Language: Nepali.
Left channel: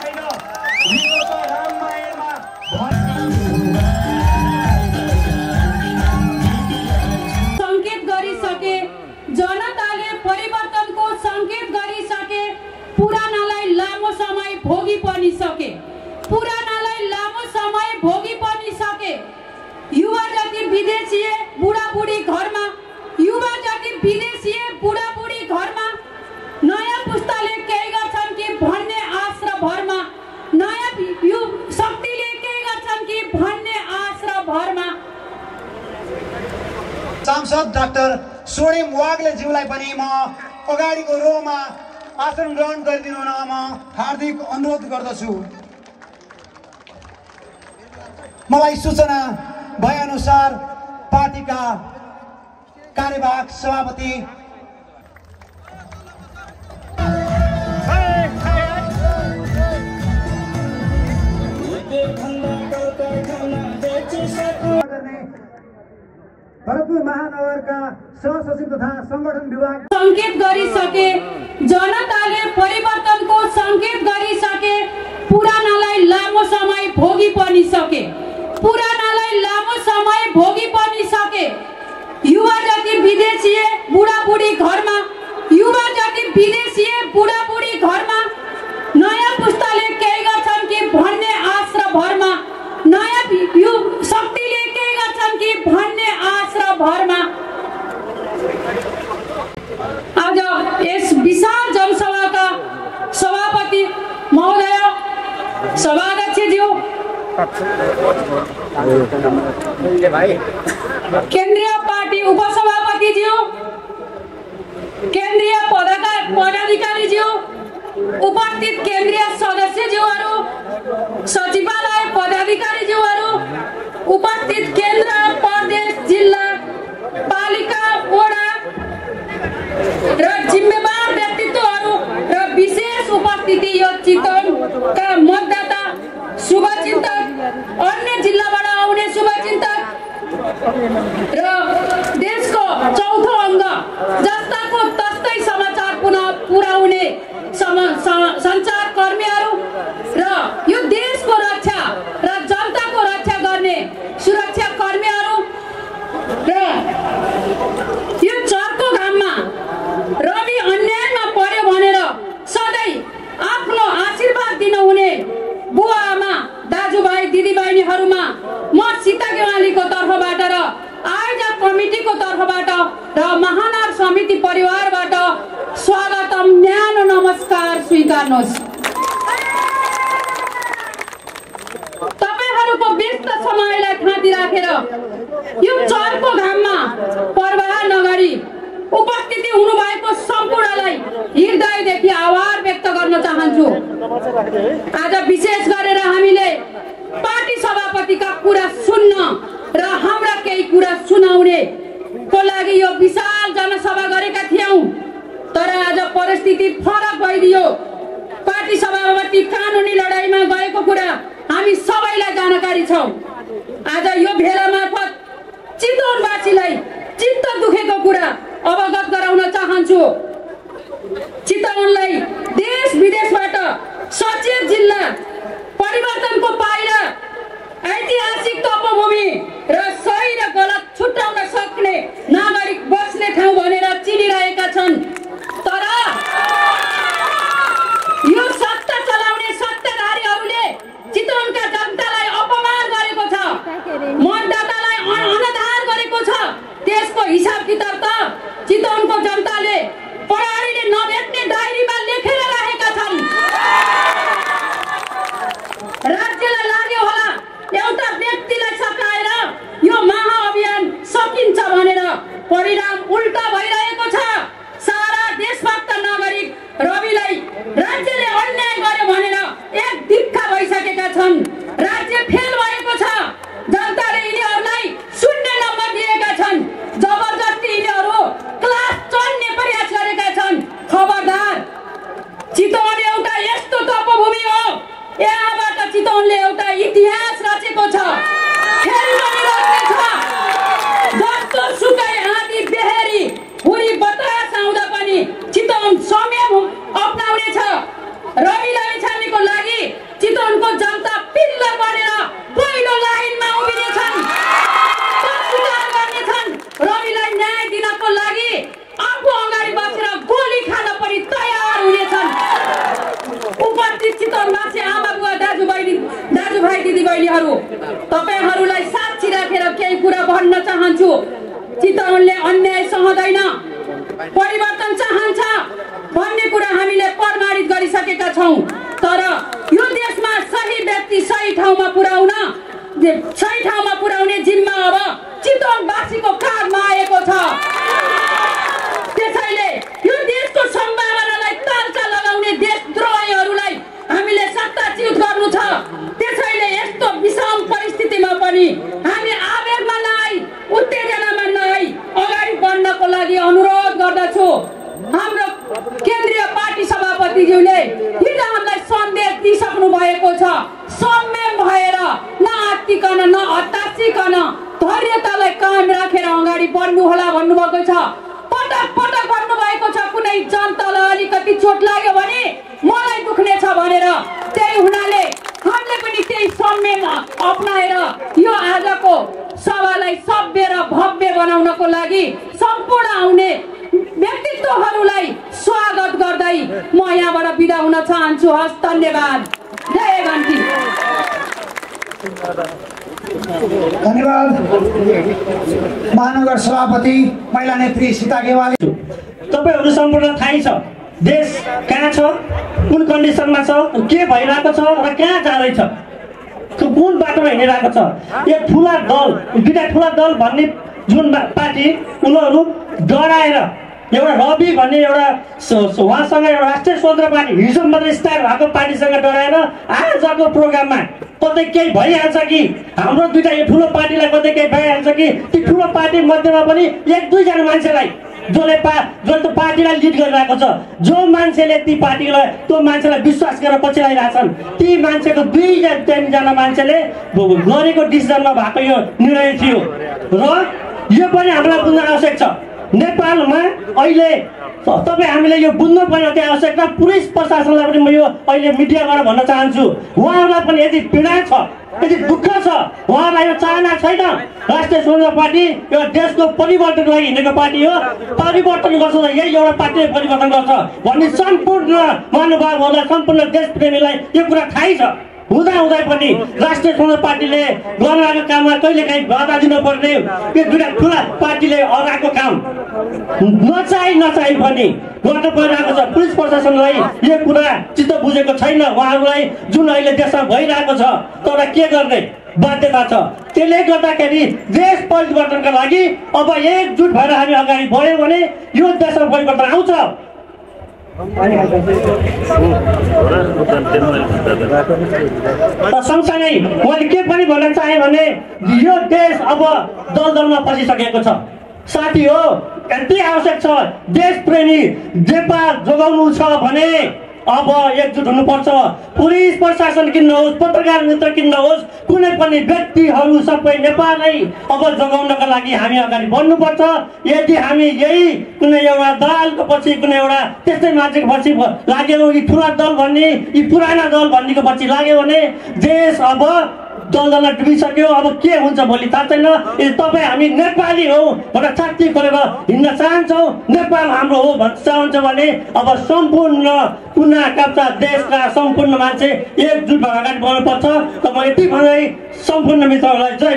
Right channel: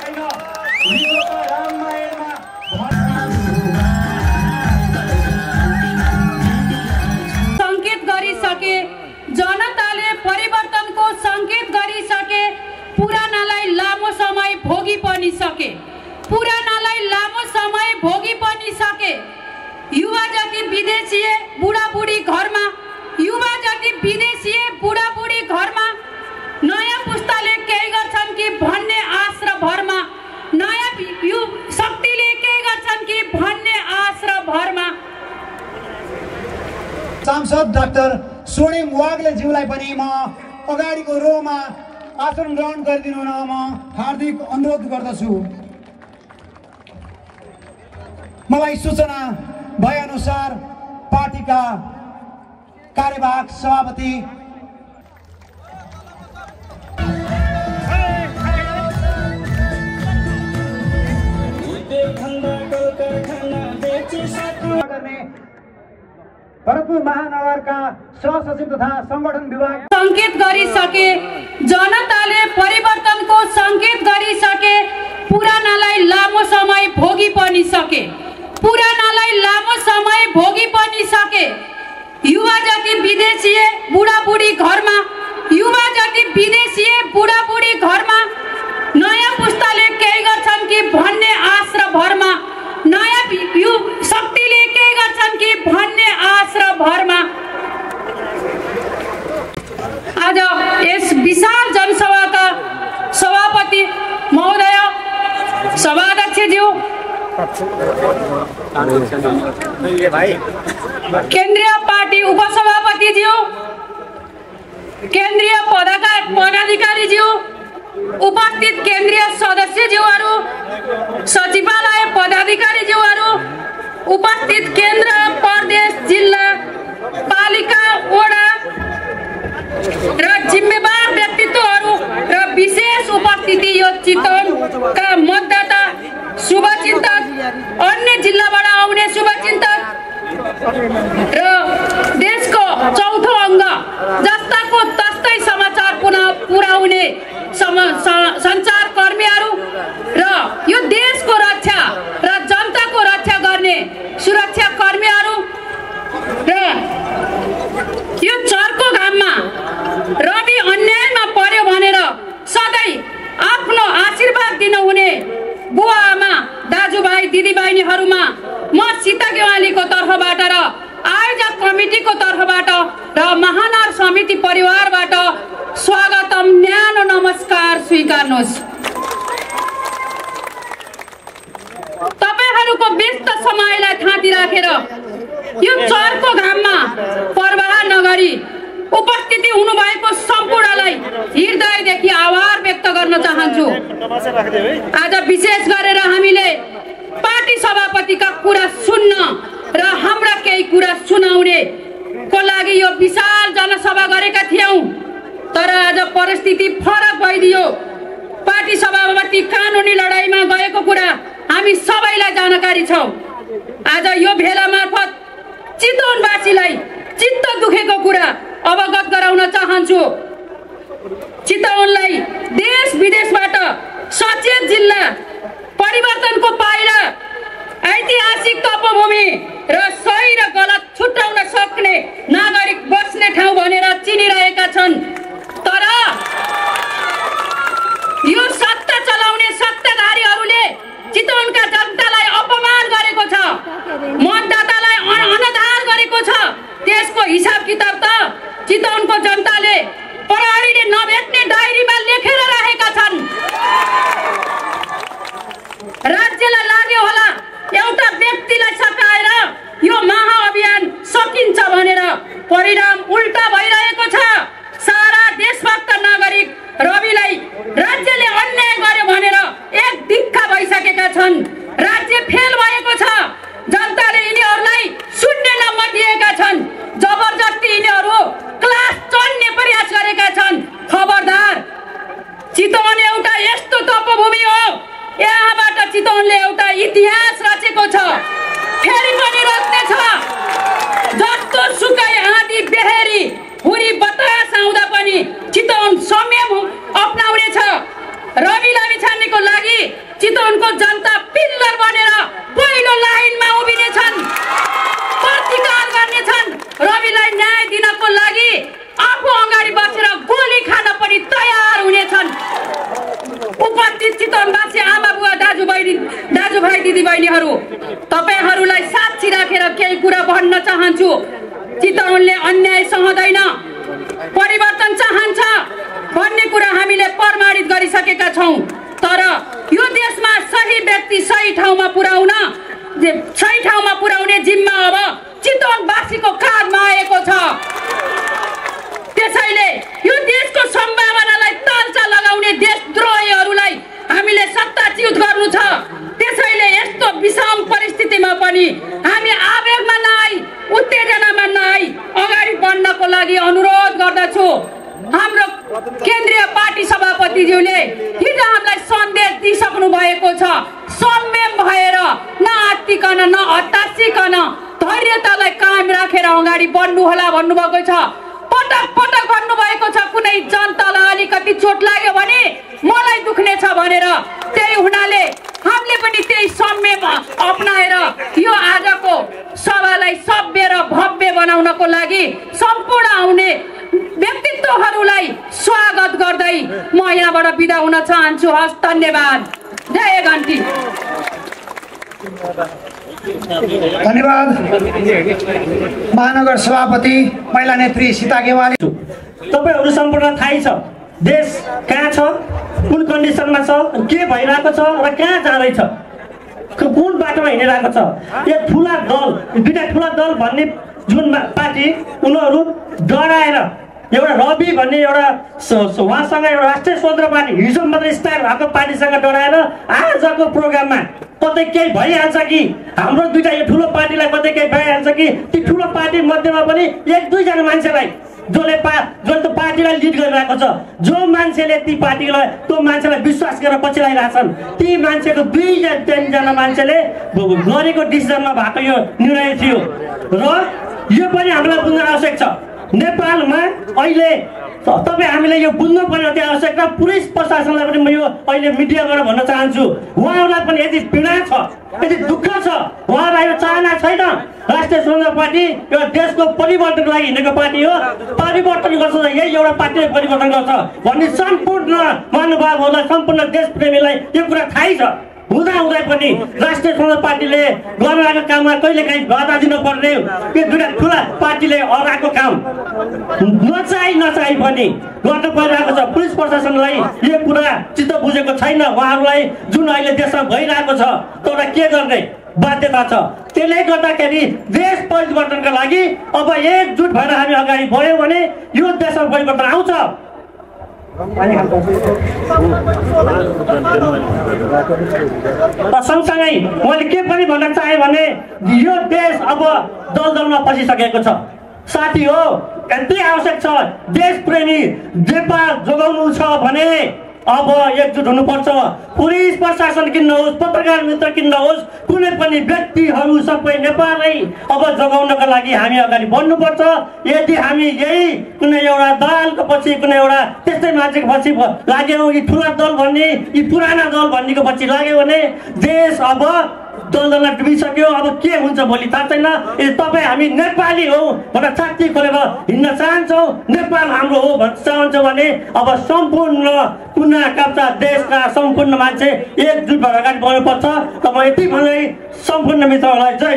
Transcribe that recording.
छैन। विश्वका रामायणमा संकेत गरिसके, जनताले परिवर्तनको संकेत गरिसके, पुरानालाई लामो समय भोगी पनि सके, पुरानालाई लामो समय भोगी पनि सके। युवा जति विदेशीय बुढाबुढी घरमा, युवा जति विदेशीय बुढाबुढी घरमा, नयाँ पुस्ताले केही गर्छन् कि भन्ने आश र भरमा, नयाँ शक्तिले केही गर्छन् कि भन्ने आश र भरमा। सांसद डाक्टर स्वर्णिम वाग्लेज्यूलाई पनि म अगाडिको रोमा आसन ग्रहण गरिदिनु हुन म हार्दिक अनुरोध गर्दछु। मलाई सूचना भए अनुसार पार्टीका कार्यवाहक सभापति भरतपुर महानगरका सहसचिव तथा संगठन विभाग संकेत गरिसके, जनताले परिवर्तनको संकेत गरिसके, पुरानालाई लामो समय भोगी पनि सके, पुरानालाई लामो समय भोगी पनि सके। युवा जति विदेशीय बुढाबुढी घरमा, युवा जति विदेशीय बुढाबुढी घरमा, नयाँ पुस्ताले केही गर्छन् कि भन्ने आश र भरमा, नयाँ शक्तिले केही गर्छन् कि भन्ने आश र भरमा। आज यस विशाल जनसभाका सभापति महोदय, सभाध्यक्षज्यू, केन्द्रीय पार्टी उपसभापतिज्यू, केन्द्रीय पदाधिकारीज्यू, उपस्थित केन्द्रीय सदस्यज्यूहरू, सचिवालय पदाधिकारीज्यूहरू, उपस्थित केन्द्र, प्रदेश, जिल्ला, पालिका, वडा र जिम्मेवार व्यक्तित्वहरू र विशेष उपस्थिति यो चितवनका मतदाता, शुभचिन्तक, अन्य जिल्लाबाट आउने शुभचिन्तक र देशको चौथो अङ्ग जस्ताको तस्तै समाचार पुर्याउने सञ्चारकर्मीहरू र यो देशको रक्षा र जनताको रक्षा गर्ने सुरक्षा कर्मीहरू र यो चर्को घाममा रवि अन्यायमा पर्यो भनेर सधैँ आफ्नो आशीर्वाद दिनुहुने बुवा आमा, दाजुभाइ, दिदीबहिनीहरूमा म सीता गेवालीको तर्फबाट र आयोजक कमिटीको तर्फबाट र महानगर समिति परिवारबाट स्वागतम, न्यानो नमस्कार स्वीकार्नुहोस्। तपाईहरूको व्यस्त समयलाई थाँती राखेर यो चर्को घाममा परवाह नगरी उपस्थिति हुनुभएको सम्पूर्णलाई हृदयदेखि आभार व्यक्त गर्न चाहन्छु। आज विशेष गरेर हामीले पार्टी सभापतिका कुरा सुन्न र हाम्रा केही कुरा सुनाउने को लागि यो विशाल जनसभा गरेका थियौं, तर आज परिस्थिति फरक भइदियो। पार्टी सभापति कानुनी लडाईँमा गएको कुरा हामी सबैलाई जानकारी छौं। आज यो भेला मार्फत चितवनवासीलाई चित्त दुखेको कुरा अवगत गराउन चाहन्छु। चितवनलाई देश विदेशबाट सचेत जिल्ला, परिवर्तनको पाइला, ऐतिहासिक तपोभूमि र सही र गलत छुट्याउन सक्ने नागरिक बस्ने ठाउँ भनेर चिनिरहेका छन्। तर यो सत्ता चलाउने सत्ताधारीहरूले चितवनका जनतालाई अपमान गरेको छ, मतदातालाई अनादर गरेको छ। त्यसको हिसाब किताब त चितवनको जनताले प्रहरीले नभेट्ने डायरीमा लेखेर राखेका छन्। राज्यलाई लाग्यो होला एउटा व्यक्तिलाई सकाएर यो महाअभियान सकिन्छ भनेर, परिणाम उल्टा भइरहेको छ। सारा देशभक्त नागरिक रविलाई राज्यले अन्याय गर्यो भनेर एक दिक्का भइसकेका छन्। राज्य फेल भएको छ। जनताले यिनीहरूलाई शून्य नम्बर दिएका छन्। जबरजस्ती यिनीहरू क्लास चढ्ने प्रयास गरेका छन्। खबरदार, चितवन एउटा यस्तो तपोभूमि हो, यहाँबाट चितवनले एउटा इतिहास रचेको छ, फेरि पनि रच्ने छ। जस्तो सुकै आँधी बेहेरी उपस्थित चितवनवासी आमा बुवा दाजुभाइ दिदीबहिनीहरू, तपाईहरूलाई साक्षी राखेर केही कुरा भन्न चाहन्छु। चितवनले अन्याय सहँदैन, परिवर्तन चाहन्छ भन्ने कुरा हामीले प्रमाणित गरिसकेका छौँ। तर यो देशमा सही व्यक्ति सही ठाउँमा पुर्याउने जिम्मा अब चितवनवासीको काँधमा आएको छ। त्यसैले यो देशको सम्भावनालाई तालचा लगाउने देशद्रोहीहरूलाई हामीले सत्ताच्युत गर्नु छ। त्यसैले यस्तो विषम परिस्थितिमा पनि हामी आवेगमा नआई, उत्तेजनामा नआई अगाडि बढ्नको लागि अनुरोध गर्दछु। हाम्रो केन्द्रीय पार्टी सभापतिज्यूले हिजो हामीलाई सन्देश दिइसक्नु भएको छ। संयम भएर नआत्तिकन नहतासिकन धैर्यतालाई कायम राखेर अगाडि बढ्नु होला भन्नुभएको छ। पटक पटक भन्नुभएको छ कुनै जनतालाई अलिकति चोट लाग्यो भने मलाई दुख्ने छ भनेर। त्यही हुनाले हामीले पनि त्यही संयम अपनाएर यो आजको सभालाई सभ्य र भव्य बनाउनको लागि सम्पूर्ण आउने व्यक्तित्वहरूलाई स्वागत गर्दै म यहाँबाट बिदा हुन चाहन्छु। हस्, धन्यवाद। जय घन्टी। धन्यवाद महानगर सभापति महिला नेत्री सीता गेवाली। तपाईहरु सम्पूर्ण थाहै छ देश कहाँ छ, कुन कन्डिसनमा छ, के भइरहेको छ र कहाँ जाँदैछ, कुन बाटोमा हिँडिरहेको छ। यो ठुला दल, दुईटा ठुला दल भन्ने जुन पार्टी उनीहरू डराएर एउटा रवि भन्ने एउटा उहाँसँग एउटा राष्ट्रिय स्वतन्त्र पार्टी हिजो मात्रै स्टार भएको पार्टीसँग डराएर आजको प्रोग्राममा कतै केही भइहाल्छ कि हाम्रो दुईटा यो ठुलो पार्टीलाई कतै केही भइहाल्छ कि ती ठुलो पार्टी मध्येमा पनि एक दुईजना मान्छेलाई जसले त पार्टीलाई लिड गरिरहेको छ, जो मान्छेले ती पार्टीलाई त्यो मान्छेलाई विश्वास गरेर पछि ल्याइरहेछन्, ती मान्छेको 2-3जना मान्छेले गरेको डिसिजनमा भएको यो निर्णय थियो। र यो पनि हामीलाई बुझ्न आवश्यक छ। नेपालमा अहिले तपाईँ हामीले यो बुझ्नु पर्ने अति आवश्यक छ। पुलिस प्रशासनलाई पनि म यो अहिले मिडियाबाट भन्न चाहन्छु, उहाँहरूलाई पनि यदि पीडा छ, यदि दुःख छ, उहाँलाई यो चाहना छैन राष्ट्रिय स्वतन्त्र पार्टी यो देशको परिवर्तनको लागि हिँडेको पार्टी हो, परिवर्तन गर्छ यही एउटा पार्टीले परिवर्तन गर्छ भन्ने सम्पूर्ण महानुभावहरूलाई, सम्पूर्ण देशप्रेमीलाई यो कुरा थाहै छ। हुँदा पनि राष्ट्रिय स्वतन्त्र पार्टीले गरिरहेको काममा कहिले काहीँ बाधा दिनुपर्ने यो दुईटा ठुला पार्टीले अगाएको काम नचाही पनि गर्नु परिरहेको छ। पुलिस प्रशासनलाई यो कुरा चित्त बुझेको छैन। उहाँहरूलाई जुन अहिले देशमा भइरहेको छ तर के गर्ने बाध्यता छ। त्यसले गर्दाखेरि देश परिवर्तनका लागि अब एकजुट भएर हामी अगाडि बढ्यौँ भने यो देशमा परिवर्तन आउँछ। सँगसँगै मैले के पनि भन्न चाहे भने यो देश अब दलदलमा पसिसकेको छ। साथी हो, यति आवश्यक छ देश प्रेमी नेपाल जोगाउनु छ भने अब एकजुट हुनुपर्छ। पुलिस प्रशासन किन नहोस्, पत्रकार मित्र किन नहोस्, कुनै पनि व्यक्तिहरू सबै नेपाललाई अब जोगाउनका लागि हामी अगाडि बढ्नुपर्छ। यदि हामी यही कुनै एउटा दलालको पछि, कुनै एउटा त्यस्तै मान्छेको पछि लाग्यो, यी ठुला दल भन्ने, यी पुराना दल भन्नेको पछि लाग्यो भने देश अब दलदलमा डुबिसक्यो। अब के हुन्छ भोलि थाहा छैन। तपाईँ हामी नेपाली हो भनेर छाती खोलेर हिँड्न चाहन्छौँ, नेपाल हाम्रो हो भन्न चाहन्छौँ भने अब सम्पूर्ण कुना काप्चा देशका सम्पूर्ण मान्छे एकजुट भएर अगाडि बढ्नुपर्छ। तपाईँ यति भन्दै सम्पूर्ण मित्रहरूलाई जय।